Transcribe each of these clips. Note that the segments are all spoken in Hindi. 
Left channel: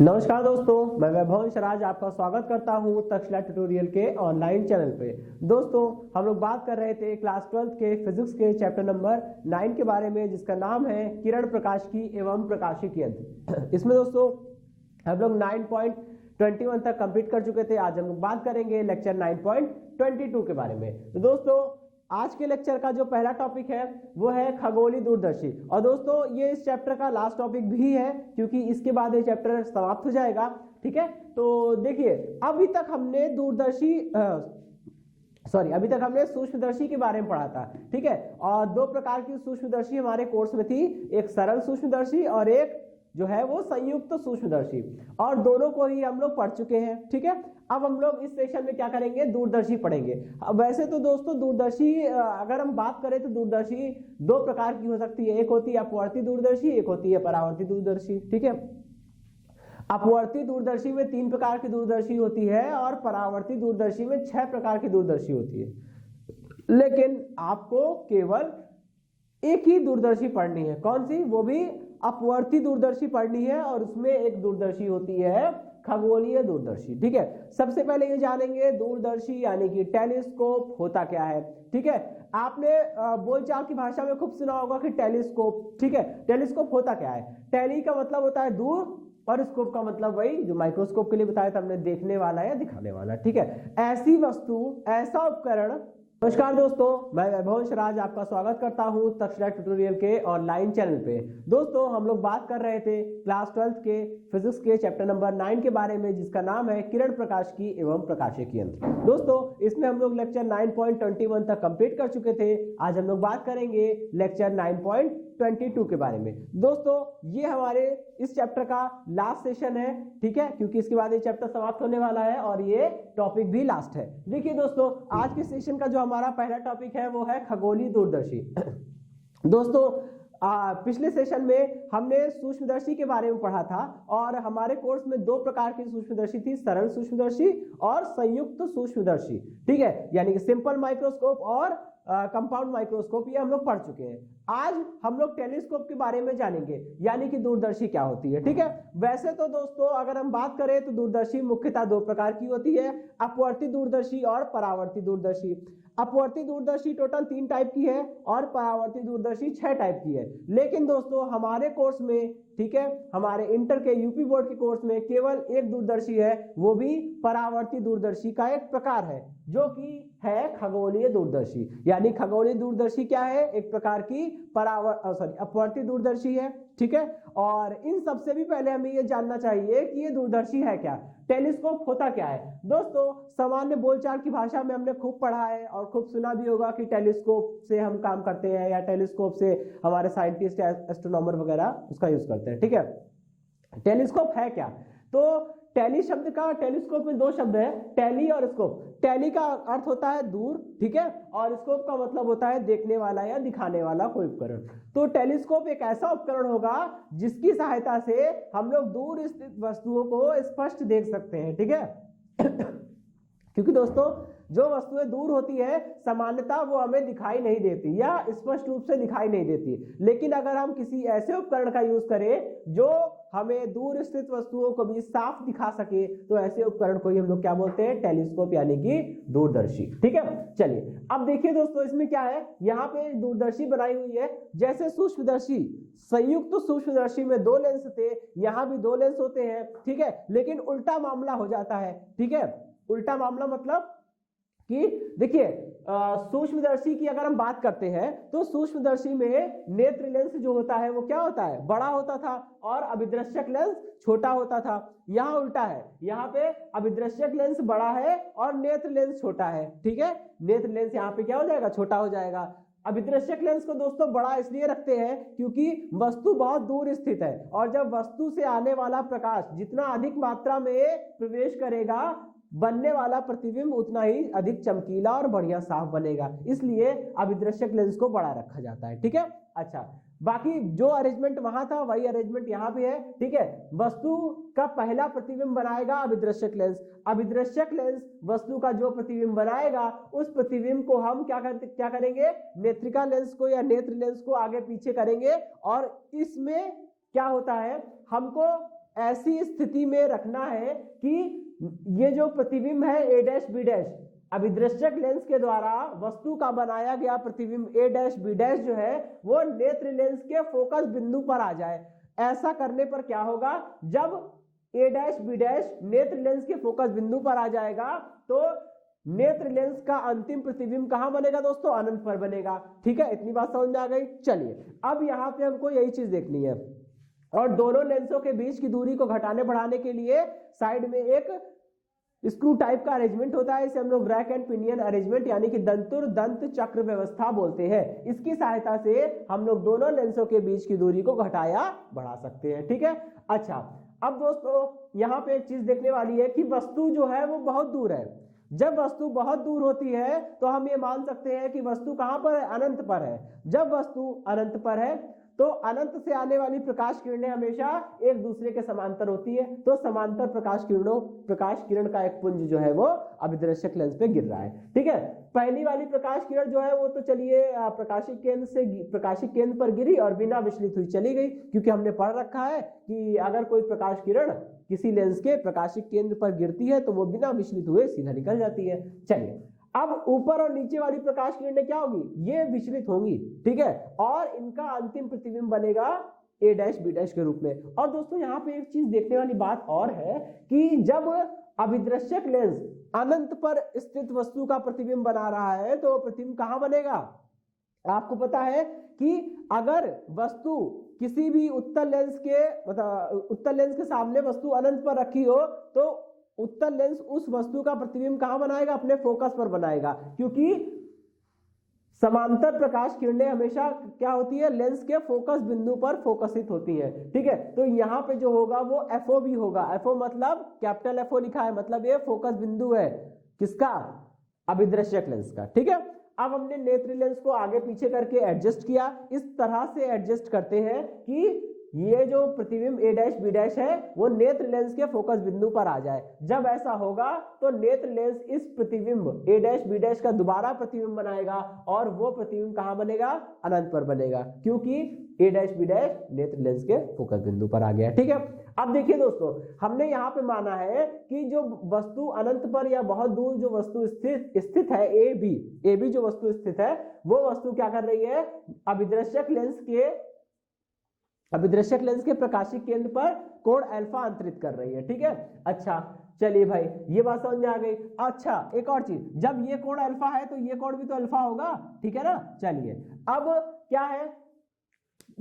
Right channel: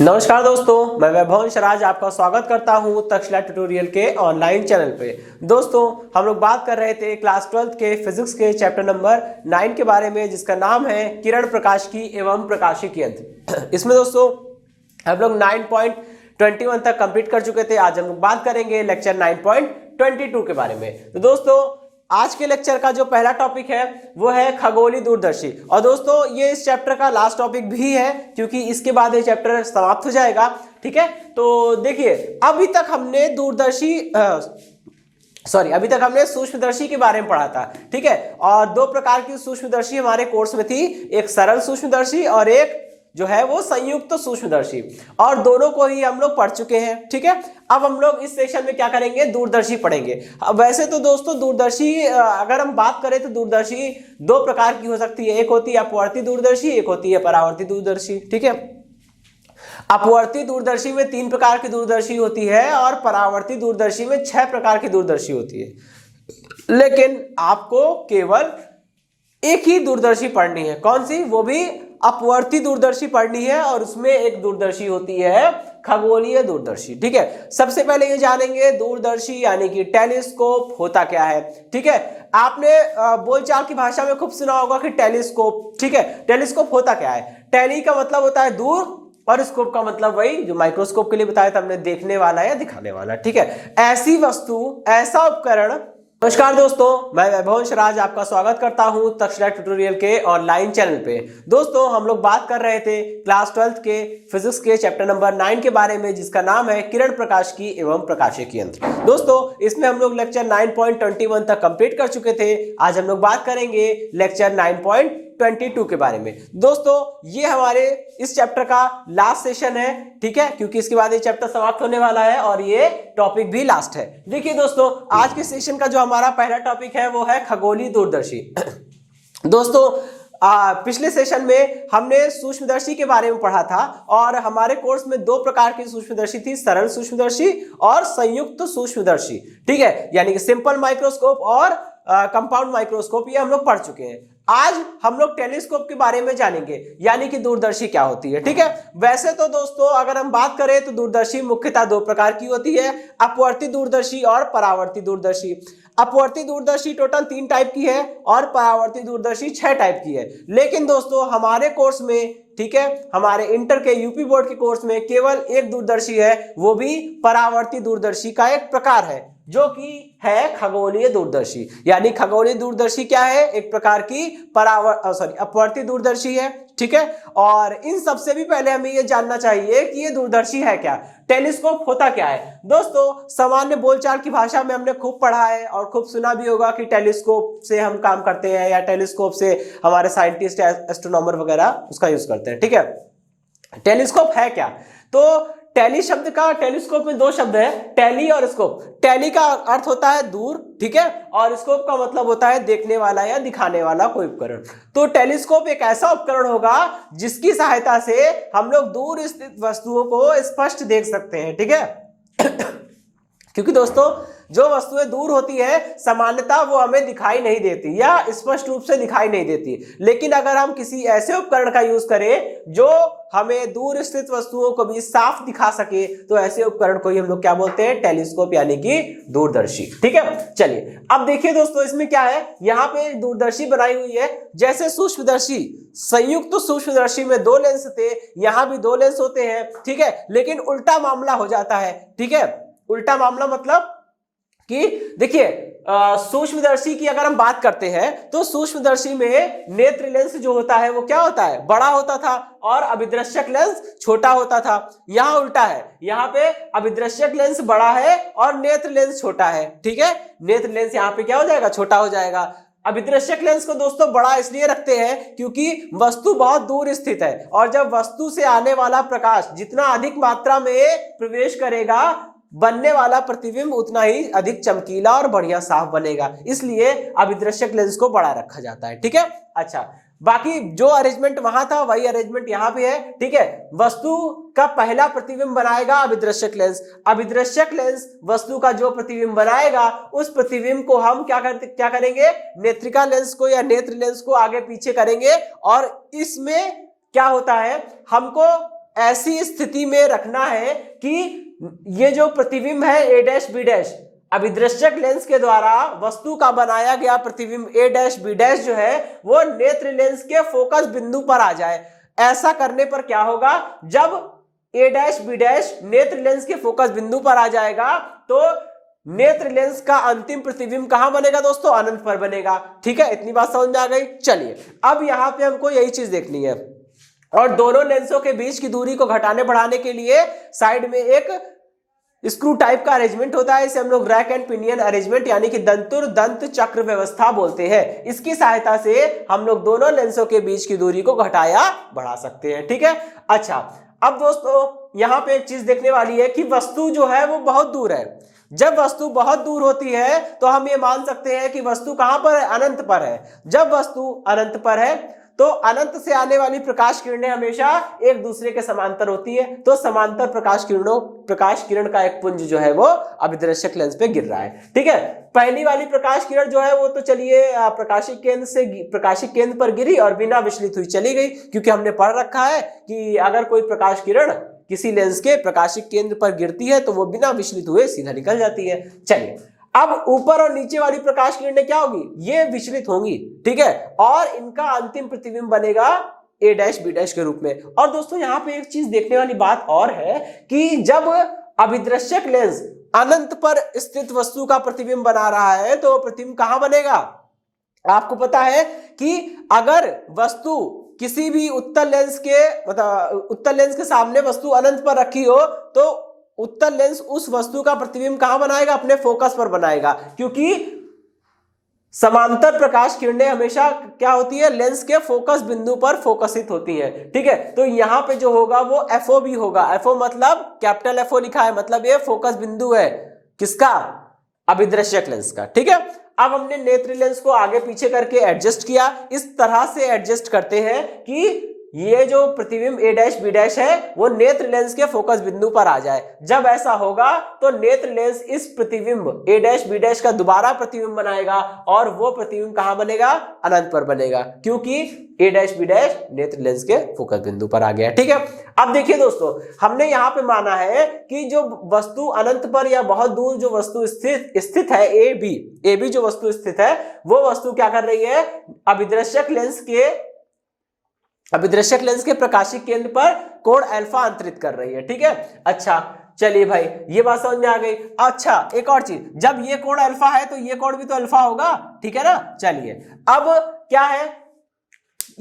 नमस्कार दोस्तों, मैं वैभव शराज आपका स्वागत करता हूं तक्षशिला ट्यूटोरियल के ऑनलाइन चैनल पे। दोस्तों, हम लोग बात कर रहे थे क्लास 12th के फिजिक्स के चैप्टर नंबर 9 के बारे में, जिसका नाम है किरण प्रकाशिकी एवं प्रकाशिकी यंत्र। इसमें दोस्तों हम लोग 9.21 तक कंप्लीट कर चुके थे। आज हम लोग बात करेंगे लेक्चर 9.22 के बारे में। तो दोस्तों, आज के लेक्चर का जो पहला टॉपिक है वो है खगोलीय दूरदर्शी। और दोस्तों, ये इस चैप्टर का लास्ट टॉपिक भी है, क्योंकि इसके बाद ये चैप्टर समाप्त हो जाएगा। ठीक है, तो देखिए, अभी तक हमने सूक्ष्मदर्शी के बारे में पढ़ा था। ठीक है, और दो प्रकार की सूक्ष्मदर्शी हमारे कोर्स में थी, एक सरल सूक्ष्मदर्शी और एक जो है वो संयुक्त सूक्ष्मदर्शी, और दोनों को ही हम लोग पढ़ चुके हैं। ठीक है, अब हम लोग इस सेशन में क्या करेंगे, दूरदर्शी पढ़ेंगे। अब वैसे तो दोस्तों दूरदर्शी अगर हम बात करें तो दूरदर्शी दो प्रकार की हो सकती है। एक होती है अपवर्ती दूरदर्शी, एक होती है परावर्ती दूरदर्शी। ठीक है, अपवर्ती दूरदर्शी में 3 प्रकार की दूरदर्शी होती है और परावर्ती दूरदर्शी में 6 प्रकार की दूरदर्शी होती है। लेकिन आपको केवल एक ही दूरदर्शी पढ़नी है। कौन सी? वो भी अपवर्ती दूरदर्शी पढ़नी है, और उसमें एक दूरदर्शी होती है खगोलीय दूरदर्शी। ठीक है, सबसे पहले ये जानेंगे दूरदर्शी यानी कि टेलीस्कोप होता क्या है। ठीक है, आपने बोलचाल की भाषा में खूब सुना होगा कि टेलीस्कोप। ठीक है, टेलीस्कोप होता क्या है? टेली का मतलब होता है दूर, और स्कोप का मतलब वही जो माइक्रोस्कोप के लिए बताया था हमने, देखने वाला या दिखाने वाला। ठीक है, ऐसी वस्तु, ऐसा उपकरण। नमस्कार दोस्तों, मैं वैभव शराज आपका स्वागत करता हूं तक्षशिला ट्यूटोरियल के ऑनलाइन चैनल पे। दोस्तों, हम लोग बात कर रहे थे क्लास 12th के फिजिक्स के चैप्टर नंबर 9 के बारे में, जिसका नाम है किरण प्रकाशिकी एवं प्रकाशिकी यंत्र। दोस्तों, इसमें हम लोग लेक्चर 9.21 तक कंप्लीट कर चुके थे। आज हम लोग बात करेंगे लेक्चर 9.22 के बारे में। दोस्तों, ये हमारे इस चैप्टर का लास्ट सेशन है। ठीक है, क्योंकि इसके बाद ये चैप्टर समाप्त होने वाला है और ये टॉपिक भी लास्ट है। देखिए दोस्तों, आज के सेशन का जो हमारा पहला टॉपिक है वो है खगोलीय दूरदर्शी। दोस्तों, पिछले सेशन में हमने सूक्ष्मदर्शी के बारे में पढ़ा था, और हमारे कोर्स में 2 प्रकार की सूक्ष्मदर्शी थी, सरल सूक्ष्मदर्शी और संयुक्त सूक्ष्मदर्शी। ठीक है, यानी कि सिंपल माइक्रोस्कोप और कंपाउंड माइक्रोस्कोप, ये हम लोग पढ़ चुके हैं। आज हम लोग टेलीस्कोप के बारे में जानेंगे, यानी कि दूरदर्शी क्या होती है। ठीक है, वैसे तो दोस्तों अगर हम बात करें तो दूरदर्शी मुख्यतः 2 प्रकार की होती है, अपवर्ती दूरदर्शी और परावर्ती दूरदर्शी। अपवर्ती दूरदर्शी टोटल 3 टाइप की है और परावर्ती दूरदर्शी 6 टाइप की है। लेकिन दोस्तों हमारे कोर्स में, ठीक है, हमारे इंटर के यूपी बोर्ड के कोर्स में केवल एक दूरदर्शी है, वो भी परावर्ती दूरदर्शी का एक प्रकार है, जो कि है खगोलीय दूरदर्शी। यानी खगोलीय दूरदर्शी क्या है? एक प्रकार की अपवर्ती दूरदर्शी है। ठीक है, और इन सबसे भी पहले हमें यह जानना चाहिए कि ये दूरदर्शी है क्या, टेलीस्कोप होता क्या है। दोस्तों, सामान्य बोलचाल की भाषा में हमने खूब पढ़ा है और खूब सुना भी होगा कि टेलीस्कोप से हम काम करते हैं, या टेलीस्कोप से हमारे साइंटिस्ट, एस्ट्रोनॉमर वगैरह उसका यूज करते हैं। ठीक है, टेलीस्कोप है क्या? तो टेली शब्द का, टेलीस्कोप में 2 शब्द है, टेली और स्कोप। टेली का अर्थ होता है दूर, ठीक है, और स्कोप का मतलब होता है देखने वाला या दिखाने वाला कोई उपकरण। तो टेलीस्कोप एक ऐसा उपकरण होगा जिसकी सहायता से हम लोग दूर स्थित वस्तुओं को स्पष्ट देख सकते हैं। ठीक है, क्योंकि दोस्तों जो वस्तुएं दूर होती है सामान्यतः वो हमें दिखाई नहीं देती या स्पष्ट रूप से दिखाई नहीं देती। लेकिन अगर हम किसी ऐसे उपकरण का यूज करें जो हमें दूर स्थित वस्तुओं को भी साफ दिखा सके, तो ऐसे उपकरण को ही हम लोग क्या बोलते हैं? टेलीस्कोप, यानी कि दूरदर्शी। ठीक है, चलिए अब देखिए दोस्तों, इसमें क्या है, यहाँ पे दूरदर्शी बनाई हुई है। जैसे सूक्ष्मदर्शी, संयुक्त सूक्ष्मदर्शी में 2 लेंस थे, यहाँ भी 2 लेंस होते हैं। ठीक है, लेकिन उल्टा मामला हो जाता है। ठीक है, उल्टा मामला मतलब कि देखिए, सूक्ष्मदर्शी की अगर हम बात करते हैं तो सूक्ष्मदर्शी में नेत्र लेंस जो होता है वो क्या होता है? बड़ा होता था, और अभिदृश्यक लेंस छोटा होता था। यहाँ उल्टा है, यहाँ पे अभिदृश्यक लेंस बड़ा है और नेत्र लेंस छोटा है। ठीक है, नेत्र लेंस यहाँ पे क्या हो जाएगा? छोटा हो जाएगा। अभिदृश्यक लेंस को दोस्तों बड़ा इसलिए रखते हैं क्योंकि वस्तु बहुत दूर स्थित है, और जब वस्तु से आने वाला प्रकाश जितना अधिक मात्रा में प्रवेश करेगा, बनने वाला प्रतिबिंब उतना ही अधिक चमकीला और बढ़िया साफ बनेगा, इसलिए अभिदृश्यक लेंस को बड़ा रखा जाता है। ठीक है, अच्छा, बाकी जो अरेंजमेंट वहां था वही अरेंजमेंट यहाँ पे है। ठीक है, वस्तु का पहला प्रतिबिंब बनाएगा अभिदृश्यक लेंस। अभिदृश्यक लेंस वस्तु का जो प्रतिबिंब बनाएगा, उस प्रतिबिंब को हम क्या करेंगे? नेत्रिका लेंस को या नेत्र लेंस को आगे पीछे करेंगे, और इसमें क्या होता है, हमको ऐसी स्थिति में रखना है कि ये जो प्रतिबिंब है ए डैश बी डैश, अभिदृश्यक लेंस के द्वारा वस्तु का बनाया गया प्रतिबिंब ए डैश बी डैश जो है वो नेत्र लेंस के फोकस बिंदु पर आ जाए। ऐसा करने पर क्या होगा, जब ए डैश बी डैश नेत्र लेंस के फोकस बिंदु पर आ जाएगा तो नेत्र लेंस का अंतिम प्रतिबिंब कहां बनेगा दोस्तों, अनंत पर बनेगा। ठीक है, इतनी बात समझ में आ गई। चलिए अब यहां पे हमको यही चीज देखनी है, और दोनों लेंसों के बीच की दूरी को घटाने बढ़ाने के लिए साइड में एक स्क्रू टाइप का अरेंजमेंट होता है, इसे हम लोग रैक एंड पिनियन अरेंजमेंट यानी कि दंतुर दंत चक्र व्यवस्था बोलते हैं। इसकी सहायता से हम लोग दोनों लेंसों के बीच की दूरी को घटाया बढ़ा सकते हैं। ठीक है, अच्छा अब दोस्तों यहां पे एक चीज देखने वाली है कि वस्तु जो है वो बहुत दूर है। जब वस्तु बहुत दूर होती है तो हम ये मान सकते हैं कि वस्तु कहां पर है, अनंत पर है। जब वस्तु अनंत पर है तो अनंत से आने वाली प्रकाश किरणें हमेशा एक दूसरे के समांतर होती है, तो समांतर प्रकाश किरण का एक पुंज जो है वो अभिदृश्यक लेंस पे गिर रहा है। ठीक है, पहली वाली प्रकाश किरण जो है वो तो चलिए प्रकाशिक केंद्र पर गिरी और बिना विचलित हुई चली गई, क्योंकि हमने पढ़ रखा है कि अगर कोई प्रकाश किरण किसी लेंस के प्रकाशिक केंद्र पर गिरती है तो वो बिना विचलित हुए सीधा निकल जाती है। चलिए अब ऊपर और नीचे वाली प्रकाश किरणें क्या होगी, ये विचलित होंगी। ठीक है, और इनका अंतिम प्रतिबिंब बनेगा ए डैश बी डैश के रूप में। और दोस्तों यहाँ पे एक चीज देखने वाली बात और है कि जब अभिदृश्यक लेंस अनंत पर स्थित वस्तु का प्रतिबिंब बना रहा है तो प्रतिबिंब कहां बनेगा। आपको पता है कि अगर वस्तु किसी भी उत्तल लेंस के सामने वस्तु अनंत पर रखी हो तो उत्तल लेंस उस वस्तु का प्रतिबिंब कहां बनाएगा, अपने फोकस पर बनाएगा, क्योंकि समांतर प्रकाश किरणें हमेशा क्या होती है, लेंस के फोकस बिंदु पर फोकसित होती हैं। ठीक है, तो यहां पे जो होगा वो एफओ भी होगा। एफओ मतलब कैपिटल एफओ लिखा है, मतलब ये फोकस बिंदु है किसका, अभिदृश्यक लेंस का। ठीक है, अब हमने नेत्र लेंस को आगे पीछे करके एडजस्ट किया। इस तरह से एडजस्ट करते हैं कि ये जो प्रतिबिंब ए डैश बी डैश है वो नेत्र लेंस के फोकस बिंदु पर आ जाए। जब ऐसा होगा तो नेत्र लेंस इस प्रतिबिंब ए डैश बी डैश का दोबारा प्रतिबिंब बनाएगा और वो प्रतिबिंब कहां बनेगा, अनंत पर बनेगा, क्योंकि ए डैश बी डैश नेत्र लेंस के फोकस बिंदु पर आ गया। ठीक है, अब देखिए दोस्तों हमने यहां पे माना है कि जो वस्तु अनंत पर या बहुत दूर जो वस्तु स्थित है ए बी जो वस्तु स्थित है वो वस्तु क्या कर रही है, अभिदृश्यक लेंस के प्रकाशिक केंद्र पर कोण अल्फा अंतरित कर रही है। ठीक है, अच्छा चलिए भाई ये बात समझ में आ गई। अच्छा एक और चीज, जब ये कोण अल्फा है तो ये कोण भी तो अल्फा होगा। ठीक है ना, चलिए अब क्या है,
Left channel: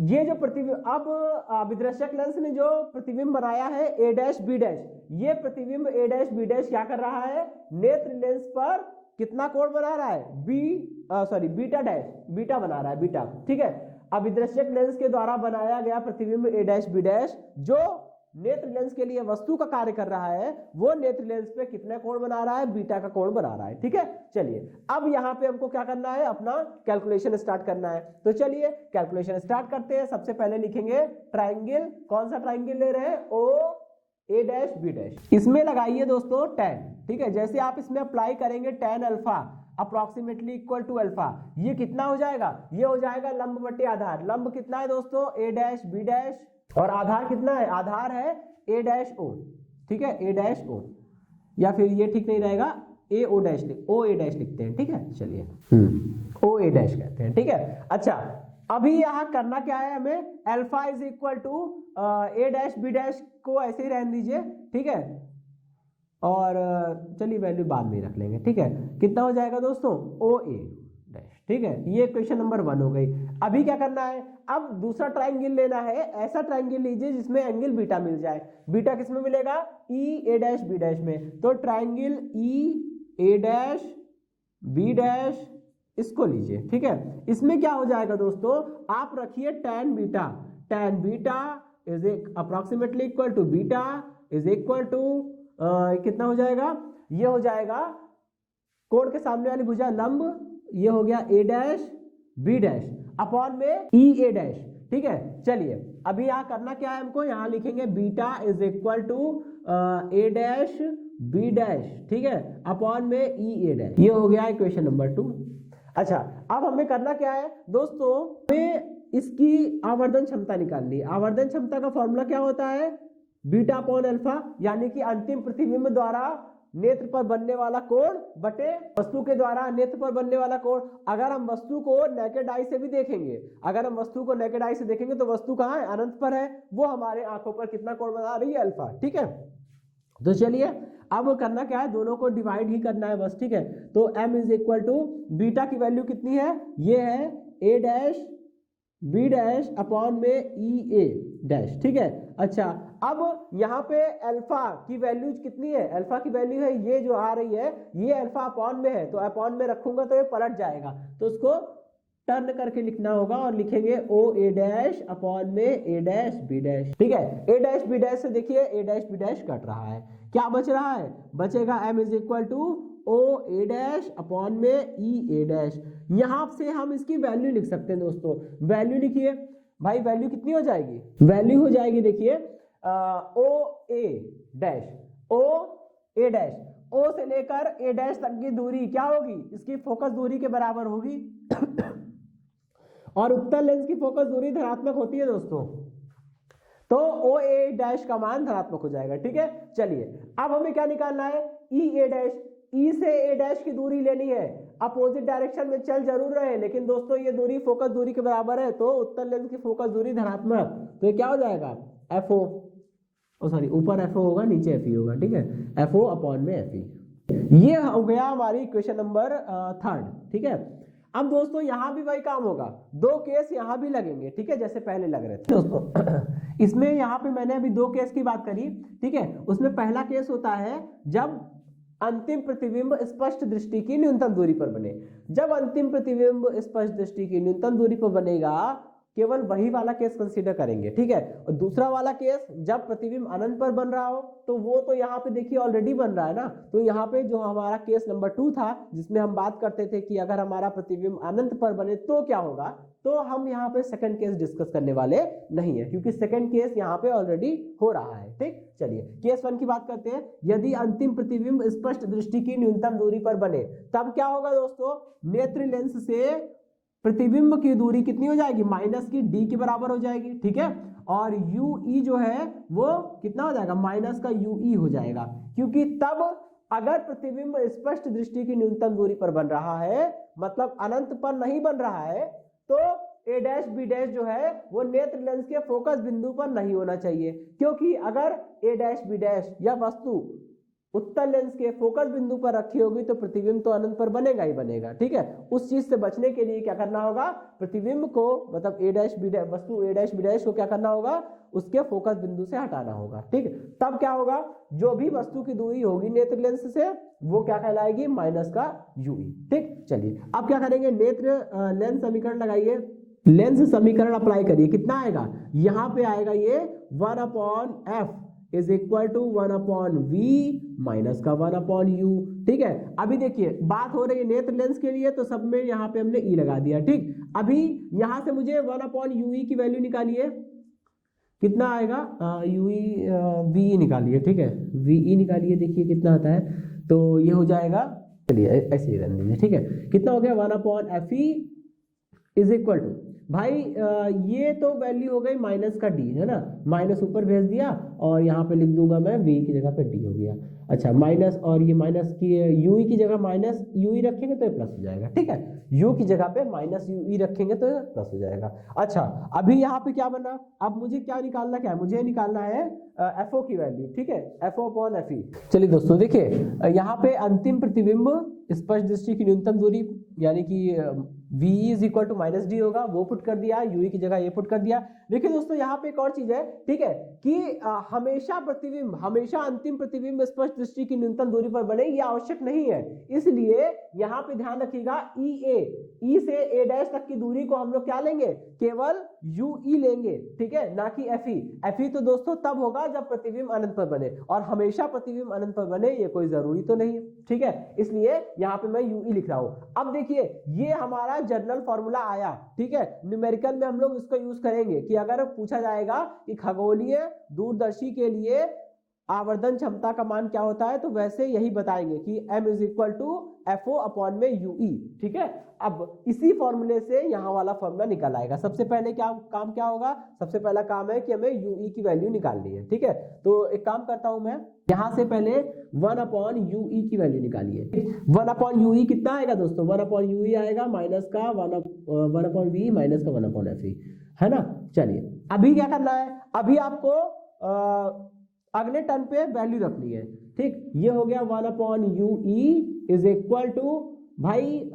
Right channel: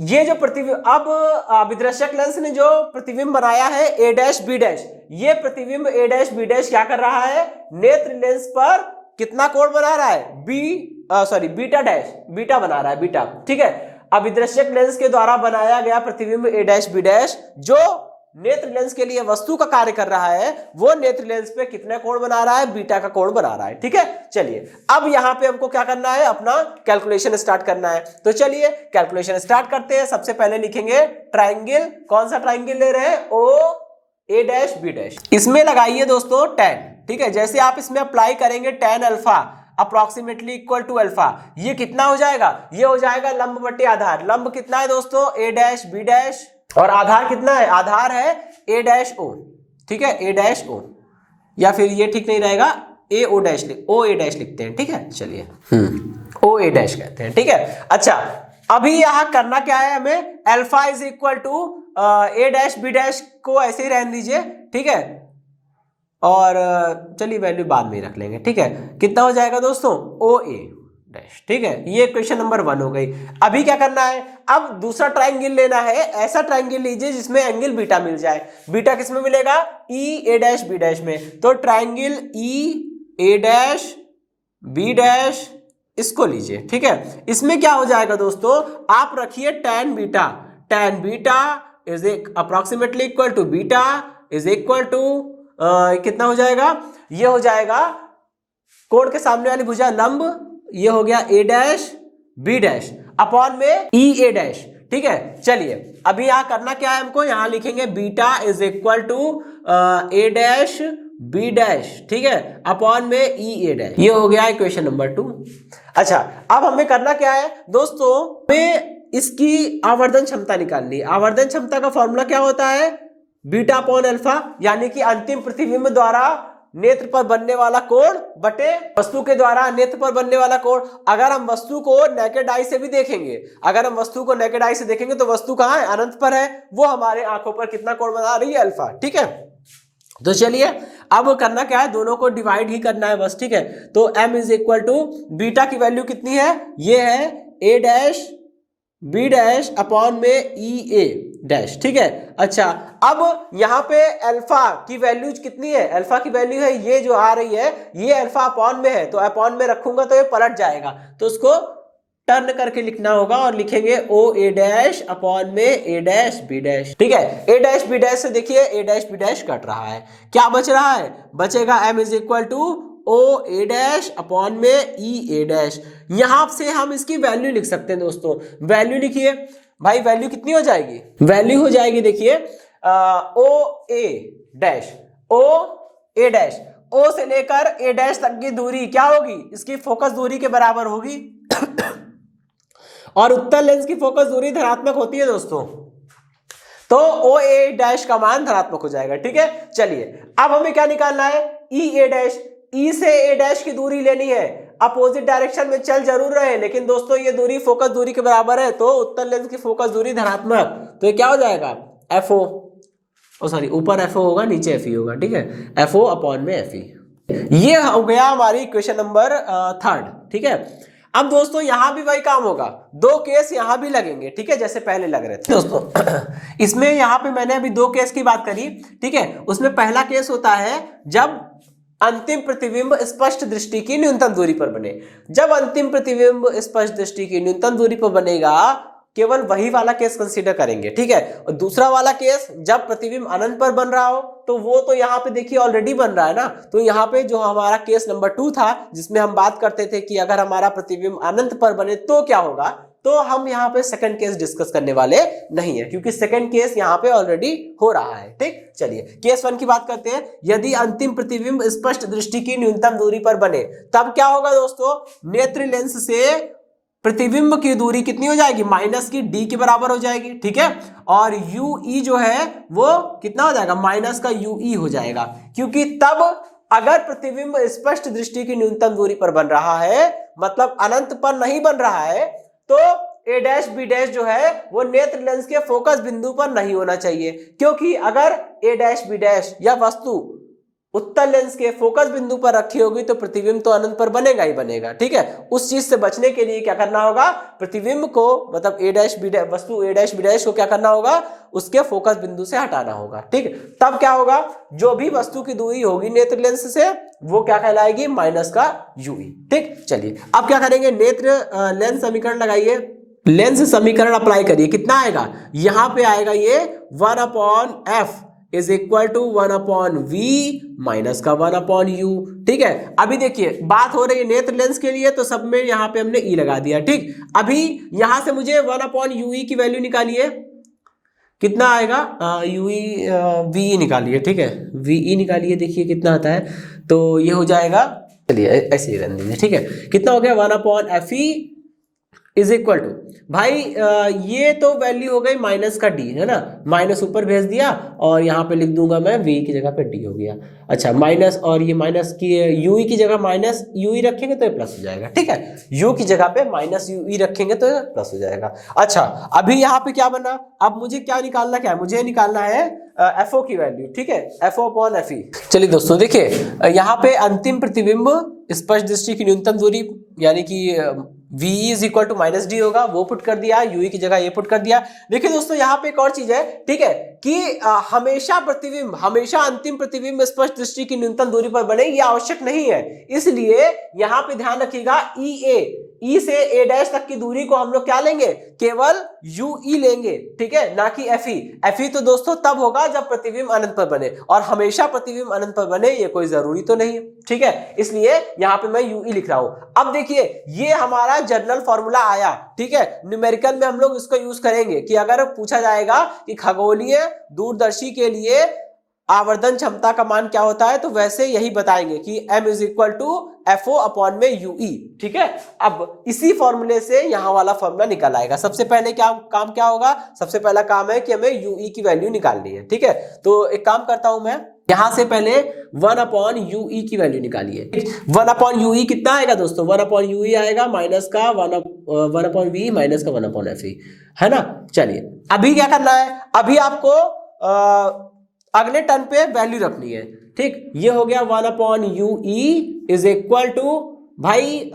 ये जो प्रतिबिंब, अब अभिदृश्यक लेंस ने जो प्रतिबिंब बनाया है ए डैश बी डैश, ये प्रतिबिंब ए डैश बी डैश क्या कर रहा है, नेत्र लेंस पर कितना कोण बना रहा है, बीटा बना रहा है, बीटा। ठीक है, अभिदृश्यक लेंस के द्वारा बनाया गया प्रतिबिंब ए डैश बी डैश जो नेत्र लेंस के लिए वस्तु का कार्य कर रहा है वो नेत्र लेंस पे कितने कोण बना रहा है, बीटा का कोण बना रहा है। ठीक है, चलिए अब यहां पे हमको क्या करना है, अपना कैलकुलेशन स्टार्ट करना है। तो चलिए कैलकुलेशन स्टार्ट करते हैं। सबसे पहले लिखेंगे ट्राइंगल, कौन सा ट्राइंगल ले रहे हैं, ओ ए डैश बी डैश। इसमें लगाइए दोस्तों tan। ठीक है, जैसे आप इसमें अप्लाई करेंगे tan alpha approximately equal to alpha, ये कितना हो जाएगा, ये हो जाएगा लंब बटे आधार। लंब कितना है दोस्तों, ए डैश बी डैश, और आधार कितना है, आधार है ए डैश ओ। ठीक है, ए डैश ओ, या फिर ये ठीक नहीं रहेगा, ए O dash O a dash लिखते हैं। ठीक है, चलिए ओ ए डैश कहते हैं। ठीक है, अच्छा अभी यहां करना क्या है हमें, alpha is equal to a dash b dash को ऐसे ही रहने दीजिए। ठीक है, और चलिए वैल्यू बाद में रख लेंगे। ठीक है, कितना हो जाएगा दोस्तों, ओ ए डैश। ठीक है, ये क्वेश्चन नंबर 1 हो गई। अभी क्या करना है, अब दूसरा ट्राइंगल लेना है। ऐसा ट्राइंगल लीजिए जिसमें एंगल बीटा मिल जाए। बीटा किसमें मिलेगा, ई ए डैश बी डैश में। तो ट्राइंगल ई ए डैश बी डैश इसको लीजिए। ठीक है, इसमें क्या हो जाएगा दोस्तों, आप रखिए tan beta is approximately equal to beta is equal to कितना हो जाएगा, ये हो जाएगा कोण के सामने वाली भुजा लंब, ये हो गया ए डैश बी डैश अपॉन में ई ए डैश। ठीक है, चलिए अभी यहां करना क्या है हमको, यहां लिखेंगे beta is equal to a dash b dash. ठीक है, अपॉन में ई ए डैश। ये हो गया इक्वेशन नंबर 2। अच्छा अब हमें करना क्या है दोस्तों, हमें इसकी आवर्धन क्षमता निकालनी है। आवर्धन क्षमता का फॉर्मूला क्या होता है, बीटा अपॉन अल्फा, यानी कि अंतिम प्रतिबिंब द्वारा नेत्र पर बनने वाला कोण बटे वस्तु के द्वारा नेत्र पर बनने वाला कोण। अगर हम वस्तु को नेकेड आई से भी देखेंगे, अगर हम वस्तु को नेकेड आई से देखेंगे तो वस्तु कहाँ है, अनंत पर है, वो हमारे आंखों पर कितना कोण बना रही है, अल्फा। ठीक है, तो चलिए अब करना क्या है, दोनों को डिवाइड ही करना है बस। ठीक है, तो m is equal to beta की वैल्यू कितनी है, ये है a dash b dash upon में e a डैश। ठीक है, अच्छा अब यहाँ पे अल्फा की वैल्यू कितनी है, अल्फा की वैल्यू है ये जो आ रही है, ये अल्फा अपॉन में है, तो अपॉन में रखूंगा तो ये पलट जाएगा, तो उसको टर्न करके लिखना होगा और लिखेंगे ओ ए डैश अपॉन में ए डैश बी डैश। ठीक है, ए डैश बी डैश से देखिए a dash b dash cut रहा है, क्या बच रहा है, बचेगा m is equal to o a dash upon में ई ए डैश। यहां से हम इसकी वैल्यू लिख सकते हैं दोस्तों, वैल्यू लिखिए भाई, वैल्यू कितनी हो जाएगी, वैल्यू हो जाएगी देखिए ओ a dash, O a dash, ओ से लेकर ए डैश तक की दूरी क्या होगी, इसकी फोकस दूरी के बराबर होगी और उत्तल लेंस की फोकस दूरी धनात्मक होती है दोस्तों, तो ओ ए डैश का मान धनात्मक हो जाएगा। ठीक है, चलिए अब हमें क्या निकालना है, ई ए डैश, ई से ए डैश की दूरी लेनी है, अपोजिट डायरेक्शन में चल जरूर रहे लेकिन दोस्तों ये दूरी फोकस दूरी के बराबर है, तो उत्तल लेंस की फोकस दूरी धनात्मक, तो ये क्या हो जाएगा एफ ओ सॉरी ऊपर एफ ओ होगा नीचे एफ ई होगा। ठीक है, एफ ओ अपॉन में एफ ई, ये हो गया हमारी इक्वेशन नंबर 3। ठीक है, अब दोस्तों यहां भी वही काम होगा, दो केस यहां भी लगेंगे। ठीक है, जैसे पहले लग रहे थे दोस्तों इसमें यहां पे मैंने अभी दो केस की बात करी। ठीक है, उसमें पहला केस होता है जब अंतिम प्रतिबिंब स्पष्ट दृष्टि की न्यूनतम दूरी पर बने, जब अंतिम प्रतिबिंब स्पष्ट दृष्टि की न्यूनतम दूरी पर बनेगा केवल वही वाला केस कंसीडर करेंगे। ठीक है, और दूसरा वाला केस जब प्रतिबिंब अनंत पर बन रहा हो, तो वो तो यहाँ पे देखिए ऑलरेडी बन रहा है ना, तो यहाँ पे जो हमारा केस नंबर 2 था जिसमें हम बात करते थे कि अगर हमारा प्रतिबिंब अनंत पर बने तो क्या होगा, तो हम यहाँ पे सेकंड केस डिस्कस करने वाले नहीं है क्योंकि सेकंड केस यहाँ पे ऑलरेडी हो रहा है। ठीक, चलिए केस 1 की बात करते हैं। यदि अंतिम प्रतिबिंब स्पष्ट दृष्टि की न्यूनतम दूरी पर बने तब क्या होगा दोस्तों, नेत्र लेंस से प्रतिबिंब की दूरी कितनी हो जाएगी, माइनस की डी के बराबर हो जाएगी। ठीक है, और यू ई जो है वो कितना हो जाएगा, माइनस का यू ई हो जाएगा, क्योंकि तब अगर प्रतिबिंब स्पष्ट दृष्टि की न्यूनतम दूरी पर बन रहा है मतलब अनंत पर नहीं बन रहा है, तो ए डैश बी डैश जो है वो नेत्र लेंस के फोकस बिंदु पर नहीं होना चाहिए, क्योंकि अगर ए डैश बी डैश या वस्तु उत्तल लेंस के फोकस बिंदु पर रखी होगी तो प्रतिबिंब तो अनंत पर बनेगा ही बनेगा। ठीक है, उस चीज से बचने के लिए क्या करना होगा, प्रतिबिंब को मतलब ए डैश बी डैश वस्तु ए डैश बी डैश को क्या करना होगा, उसके फोकस बिंदु से हटाना होगा। ठीक, तब क्या होगा, जो भी वस्तु की दूरी होगी नेत्र लेंस से वो क्या कहलाएगी, माइनस का यूई। ठीक, चलिए अब क्या करेंगे, नेत्र लेंस समीकरण लगाइए, लेंस समीकरण अप्लाई करिए, कितना आएगा, यहां पे आएगा ये 1/f is equal to 1/v minus का 1/u। ठीक है, अभी देखिए बात हो रही है नेत्र लेंस के लिए तो सब में यहाँ पे हमने ई लगा दिया। ठीक, अभी यहां से मुझे 1/ue की वैल्यू निकालिए, कितना आएगा, वी निकालिए। ठीक है, वी निकालिए, देखिए कितना आता है, तो ये हो जाएगा, चलिए ऐसे ही रहने दीजिए। ठीक है, कितना हो गया, 1/fe इज इक्वल टू, भाई ये तो वैल्यू हो गई माइनस का डी है ना, माइनस ऊपर भेज दिया और यहाँ पे लिख दूंगा मैं v की जगह पे d हो गया। अच्छा, माइनस और ये माइनस की u की जगह माइनस u रखेंगे तो ये प्लस हो जाएगा। ठीक है, u की जगह पे माइनस u रखेंगे तो ये प्लस हो जाएगा। अच्छा, अभी यहाँ पे क्या बना, अब मुझे क्या निकालना, क्या है, मुझे निकालना है FO की वैल्यू। ठीक है, FO/FE। चलिए दोस्तों देखिए यहाँ पे अंतिम प्रतिबिंब स्पष्ट दृष्टि की न्यूनतम दूरी यानी कि VE is equal to minus d होगा, वो पुट कर दिया, UE की जगह ये पुट कर दिया। देखिए दोस्तों यहाँ पे एक और चीज है, ठीक है, कि हमेशा प्रतिबिंब, हमेशा अंतिम प्रतिबिंब स्पष्ट दृष्टि की न्यूनतम दूरी पर बने ये आवश्यक नहीं है, इसलिए यहाँ पे ध्यान रखिएगा ई से ए डैश तक की दूरी को हम लोग क्या लेंगे, केवल UE लेंगे। ठीक है, ना कि FE तो दोस्तों तब होगा जब प्रतिबिंब अनंत पर बने, और हमेशा प्रतिबिंब अनंत पर बने ये कोई जरूरी तो नहीं है। ठीक है, इसलिए यहाँ पे मैं UE लिख रहा हूं। अब देखिए ये हमारा जनरल फॉर्मूला आया। ठीक है, न्यूमेरिकल में हम लोग इसको यूज करेंगे कि अगर पूछा जाएगा कि खगोलीय दूरदर्शी के लिए आवर्धन क्षमता का मान क्या होता है, तो वैसे यही बताएंगे कि m is equal to FO upon में UE। ठीक है, अब इसी फॉर्मूले से यहाँ वाला फॉर्मूला निकल आएगा। सबसे पहले काम क्या होगा, सबसे पहला काम है कि हमें UE की वैल्यू निकालनी है। ठीक है, तो एक काम करता हूं मैं, यहां से पहले 1 अपॉन UE की वैल्यू निकालिए। 1 अपॉन UE कितना आएगा दोस्तों, 1 अपॉन UE आएगा माइनस का 1 अपॉन V माइनस का 1 अपॉन FE, है ना। चलिए अभी क्या करना है, अभी आपको अगले टर्म पे वैल्यू रखनी है। ठीक, ये हो गया 1 upon UE is equal to भाई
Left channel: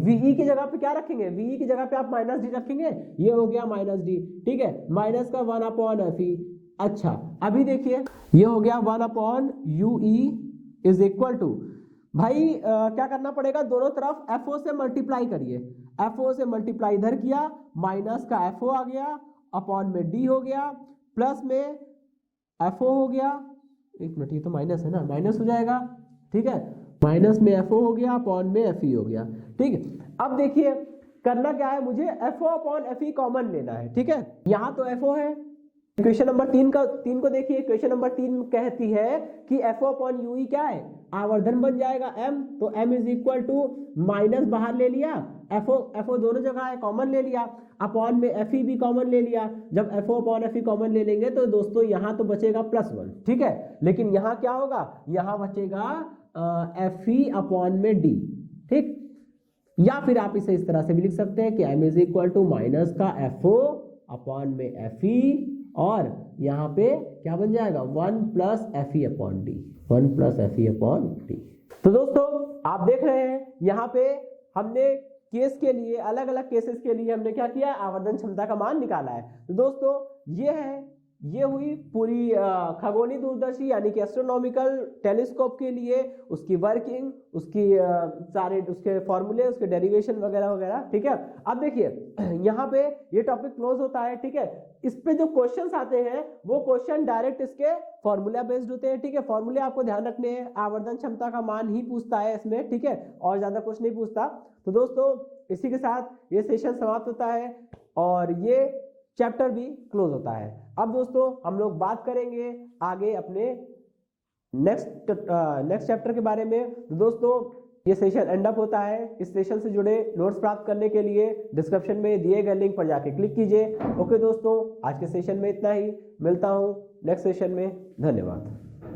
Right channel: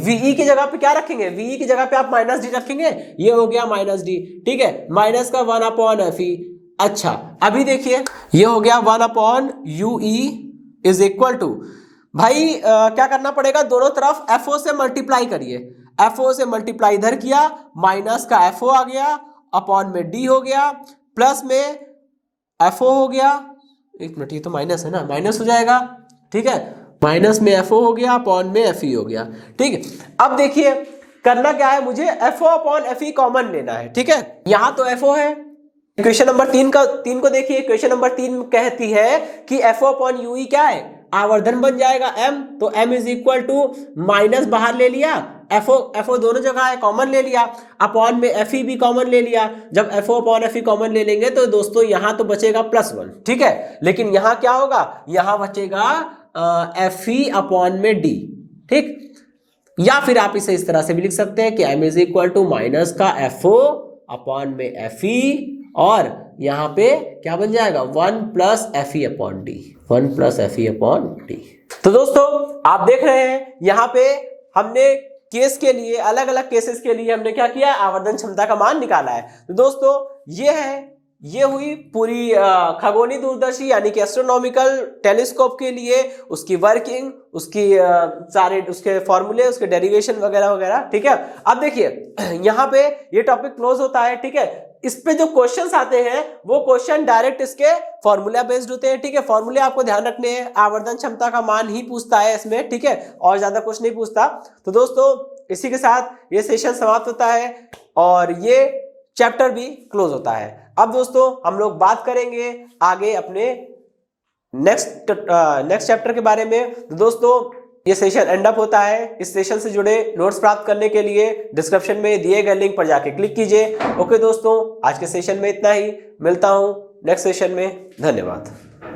VE की जगह पे क्या रखेंगे, VE की जगह पे आप माइनस डी रखेंगे, ये हो गया माइनस डी। ठीक है, माइनस का 1 अपॉन FE। अच्छा अभी देखिए ये हो गया 1 upon UE is equal to भाई क्या करना पड़ेगा, दोनों तरफ FO से मल्टीप्लाई करिए। FO से मल्टीप्लाई इधर किया, माइनस का FO आ गया, अपॉन में D हो गया, प्लस में FO हो गया। एक मिनट, ये तो माइनस है ना, माइनस हो जाएगा। ठीक है, माइनस में FO हो गया, अपॉन में FE हो गया। ठीक है, अब देखिए करना क्या है, मुझे FO अपॉन FE कॉमन लेना है। ठीक है, यहां तो FO है। इक्वेशन नंबर 3 को देखिए, इक्वेशन नंबर 3 कहती है कि FO अपॉन UE क्या है, आवर्धन बन जाएगा m, तो m is equal to minus बाहर ले लिया, FO दोनों जगह है, कॉमन ले लिया, अपॉन में FE भी कॉमन ले लिया। जब FO अपॉन FE कॉमन ले लेंगे तो दोस्तों यहां तो बचेगा +1। ठीक है, लेकिन यहां क्या होगा, यहां बचेगा FE अपॉन में D। ठीक, या फिर आप इसे इस तरह से भी लिख सकते हैं कि m is equal to minus का FO अपॉन में FE, और यहां पे क्या बन जाएगा 1 plus FE upon D, 1 plus FE upon D। तो दोस्तों आप देख रहे हैं यहाँ पे हमने केस के लिए, अलग अलग केसेस के लिए हमने क्या किया, आवर्धन क्षमता का मान निकाला है। तो दोस्तों ये हुई पूरी खगोलीय दूरदर्शी यानी कि एस्ट्रोनॉमिकल टेलीस्कोप के लिए उसकी वर्किंग, उसकी सारे उसके फॉर्मूले, उसके डेरिवेशन वगैरह वगैरह। ठीक है, अब देखिए यहाँ पे ये टॉपिक क्लोज होता है। ठीक है, इस पे जो क्वेश्चंस आते हैं वो क्वेश्चन डायरेक्ट इसके फॉर्मूला बेस्ड होते हैं। ठीक है, फॉर्मूले आपको ध्यान रखने हैं, आवर्धन क्षमता का मान ही पूछता है इसमें। ठीक है, और ज्यादा कुछ नहीं पूछता। तो दोस्तों इसी के साथ ये सेशन समाप्त होता है और ये चैप्टर भी क्लोज होता है। अब दोस्तों हम लोग बात करेंगे आगे अपने नेक्स्ट चैप्टर के बारे में। तो दोस्तों ये सेशन एंड अप होता है। इस सेशन से जुड़े नोट्स प्राप्त करने के लिए डिस्क्रिप्शन में दिए गए लिंक पर जाके क्लिक कीजिए। ओके दोस्तों, आज के सेशन में इतना ही, मिलता हूं नेक्स्ट सेशन में। धन्यवाद।